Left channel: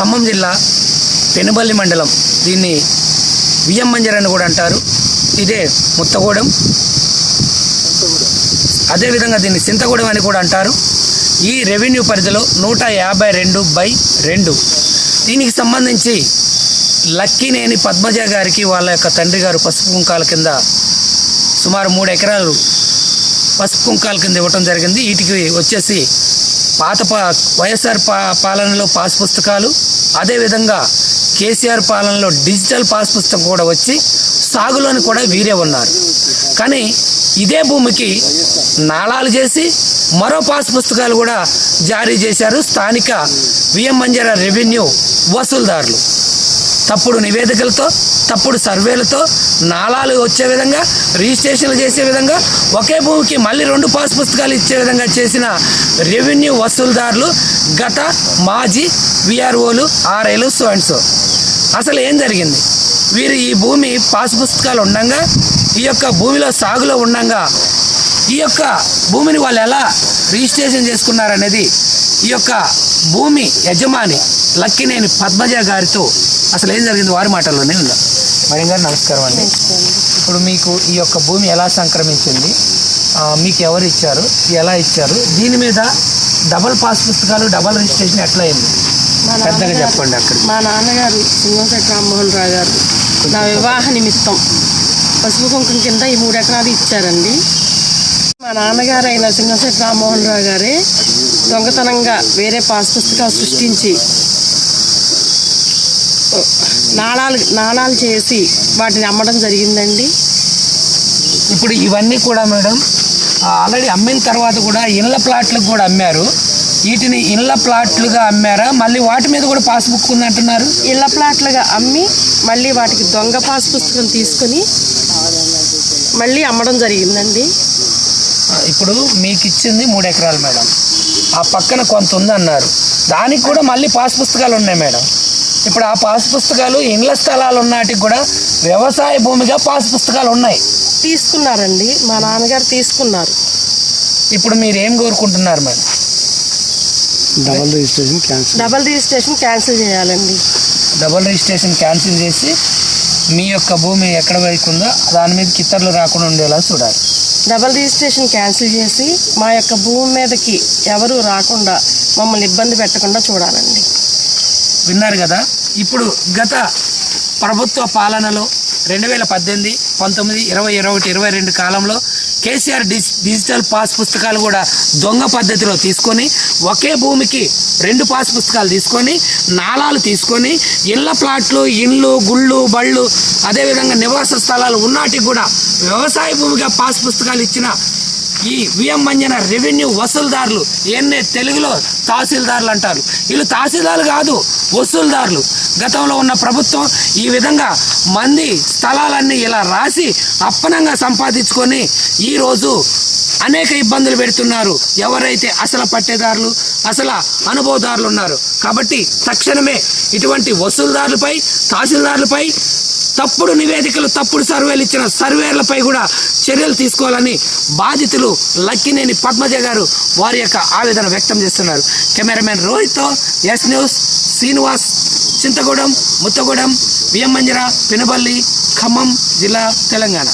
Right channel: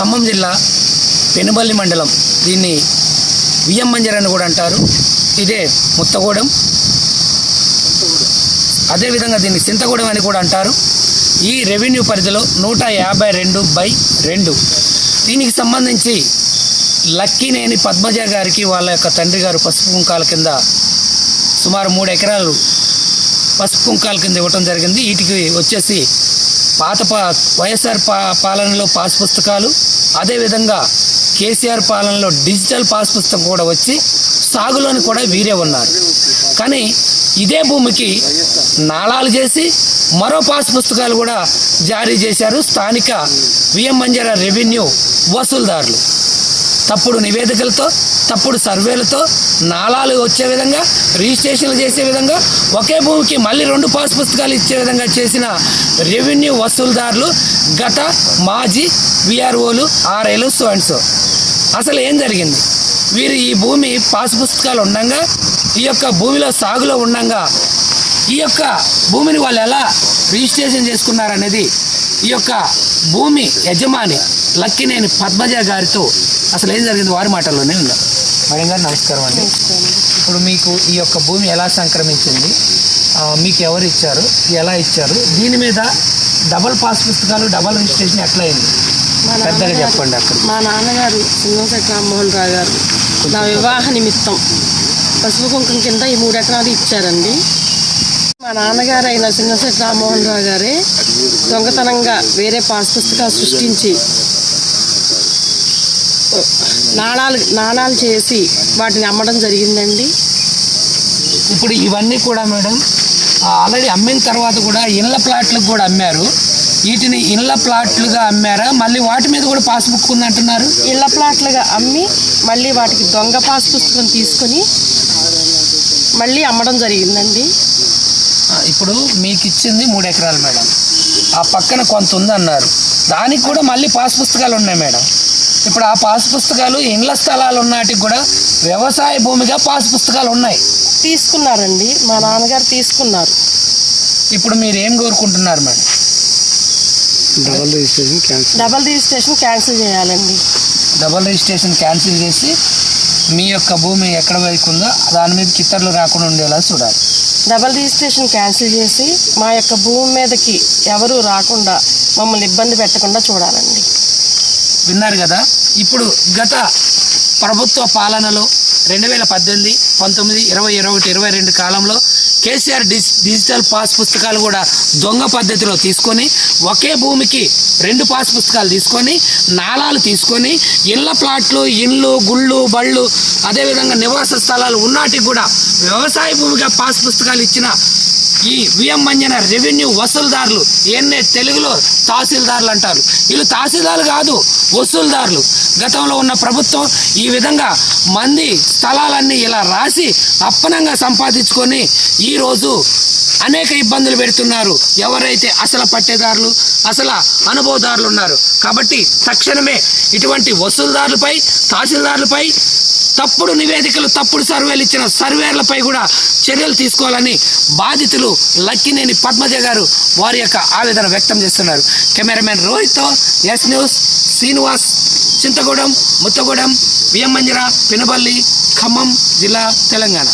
ఖమ్మం జిల్లా పెనుబల్లి మండలం, దీన్ని విఎం మంజర్ అని కూడా అంటారు. ఇదే ముత్తగూడెం, అదేవిధంగా దీన్ని సింతగూడెం అని కూడా అంటారు. ఈ రెవెన్యూ పరిధిలో 152/2 దీనికి సంబంధించి లక్కినేని పద్మజ గారికి వాళ్ళ యొక్క తండ్రి గారు పసుపు కుంకాల కింద సుమారు 3 ఎకరాలు పసుపు కుంకాల కింద ఇవ్వటం జరిగింది. వీటికి వచ్చేసి పాత వైఎస్ఆర్ పాలనలో పాస్ పుస్తకాలు, అదేవిధంగా కేసీఆర్ పాలనలో డిజిటల్ పాస్ పుస్తకం కూడా వచ్చి సాగులోని కూడా వీరే ఉన్నారు. కానీ ఇదే భూమికి నాళాలు చేసి మరో పాస్ పుస్తకాలు కూడా జారీ చేశారు స్థానిక విఎం మంజర రెవెన్యూ వసూలుదారులు. తప్పుడు నివేదికలతో, తప్పుడు సర్వేలతో నాళాలు వచ్చే విధంగా, రిజిస్ట్రేషన్లు చేసే విధంగా, ఒకే భూమికి మళ్ళీ 2 పాస్ పుస్తకాలు ఇచ్చే విధంగా చేసిన రెవెన్యూ వసూలుదారులు గత మాజీ విఆర్ఓలు, ఆర్ఐలు, సో అండ్ సో. అసలు ఏం జరిగింది? వీరు ఈ భూమి పాస్ పుస్తకాలు ఉండగా, ఈ యొక్క భూమిలో సాగులో ఉండగా ఈ యొక్క భూమిని వాళ్ళు ఎలా రిజిస్ట్రేషన్ చేసుకున్నారనేది ఈ యొక్క భూమి యజమాని లక్కినేని పద్మజ గారితో అసలు ఏం జరిగింది వారి మాటల్లోనే ఉందా. మేడం గారు నమస్కారం అండి. ఇప్పుడు మీకు ఈ యొక్క భూమి ఎలా సంక్రమించింది, మీకు ఎవరు ఇచ్చారు, ఎలా ఇచ్చారు, దీని మీద డబల్ పాస్ పుస్తకాలు, డబల్ రిజిస్ట్రేషన్ ఎట్లా అయింది పెద్దగా చెప్పండి. అక్కడ మా నాన్నగారు సింగంశెట్టి రామ్మోహన్ రావు గారు నా వివాహ నిమిత్తం పసుపు కుంకుమ కింద ఈ 3 ఎకరాలు ఇచ్చారండి. మా నాన్నగారు అయిన సింగంశెట్టి రామ్మోహన్ రావు గారే దొంగతనంగా వేరే పాస్ పుస్తకాలు సృష్టించి నాణాలు చేసి వాటిని అమ్మడం జరిగిందండి. ఇప్పుడు ఇవన్నీ కూడా మేడం ఆల్రెడీ అమ్మిన తర్వాత కూడా ఇళ్ళ ప్లాట్లకు కూడా అమ్మారు. వీటిని ఇళ్ళ ప్లాట్లుగా అమ్మారా, మళ్ళీ వాటి మీద కూడా పాస్బుక్ ఉందంటున్నారు? ఇళ్ళ ప్లాట్లుగా అమ్మి మళ్ళీ వాటికి దొంగ పాస్ పుస్తకం తీసుకొని మళ్ళీ అమ్మడం జరిగిందండి. ఇప్పుడు మీకు ఇచ్చింది 3 ఎకరాలు మేడం, ఆ పక్కన కొంత ఉందన్నారు, దానికి కూడా మళ్ళీ పాస్ పుస్తకాలు ఉన్నాయి మేడం. ఇప్పుడు ఆ పాస్ పుస్తకాలు ఇండ్ల స్థలాలు ఉన్నటికి కూడా వ్యవసాయ భూమిగా పాస్ పుస్తకాలు ఉన్నాయి. తీసుకున్నారండి, మా నాన్నగారు తీసుకున్నారు. ఇప్పుడు మీరు ఏం కోరుకుంటున్నారు మేడం? డబల్ రిజిస్ట్రేషన్ క్యాన్సిల్ చేయాలండి. డబల్ రిజిస్ట్రేషన్ క్యాన్సిల్ చేసి మీ యొక్క భూమి ఎక్కడ వైపు ఉందో దాని మీద కిత్తర్లు రాకుండా ఉండేలా చూడాలి. డబల్ రిజిస్ట్రేషన్ క్యాన్సిల్ చేసి మా యొక్క భూమి మీదకి ఎవరు రాకుండా, మమ్మల్ని ఇబ్బంది పెట్టకుండా చూడాలండి. విన్నారు కదా. ఇప్పుడు గత ప్రభుత్వ పాలనలో 2018, 19, 20, 21, 22 కాలంలో కేసీఆర్ డిజిటల్ పాస్ పుస్తకాలు కూడా దొంగ పద్ధతిలో తీసుకొని ఒకే భూమికి 2 పాస్ పుస్తకాలు తీసుకొని నాళాలు తీసుకొని ఇళ్ళ ప్లాట్లు, ఇండ్లు, గుళ్ళు, బళ్ళు, అదేవిధంగా నివాస స్థలాలు ఉన్నాటికి కూడా వ్యవసాయ భూమిగా పాస్ పుస్తకాలు ఇచ్చిన ఈ విఎం మంజన రెవెన్యూ వసూలుదారులు, తెలుగులో తహసీల్దారులు అంటారు. వీళ్ళు తహసీల్దారులు కాదు, వసూలుదారులు. గతంలో ఉన్న ప్రభుత్వం ఈ విధంగా మంది స్థలాలన్నీ ఇలా రాసి అప్పనంగా సంపాదించుకొని ఈరోజు అనేక ఇబ్బందులు పెడుతున్నారు ఎవరైతే అసలు పట్టేదారులు, అసలు అనుభవదారులు ఉన్నారు. కాబట్టి తక్షణమే ఇటువంటి వసూలుదారులపై, తహసీల్దారులపై, తప్పుడు నివేదికలు, తప్పుడు సర్వేలు ఇచ్చిన సర్వేర్లపై కూడా చర్యలు తీసుకోవాలని బాధితులు లక్కినేని పద్మజ గారు వారి యొక్క ఆవేదన వ్యక్తం చేస్తున్నారు. కెమెరామెన్ రోహిత్తో S News, Srinivas, Chintagudem, Muthagudem, VM Manjara, Penuballi, Khammam జిల్లా, తెలంగాణ.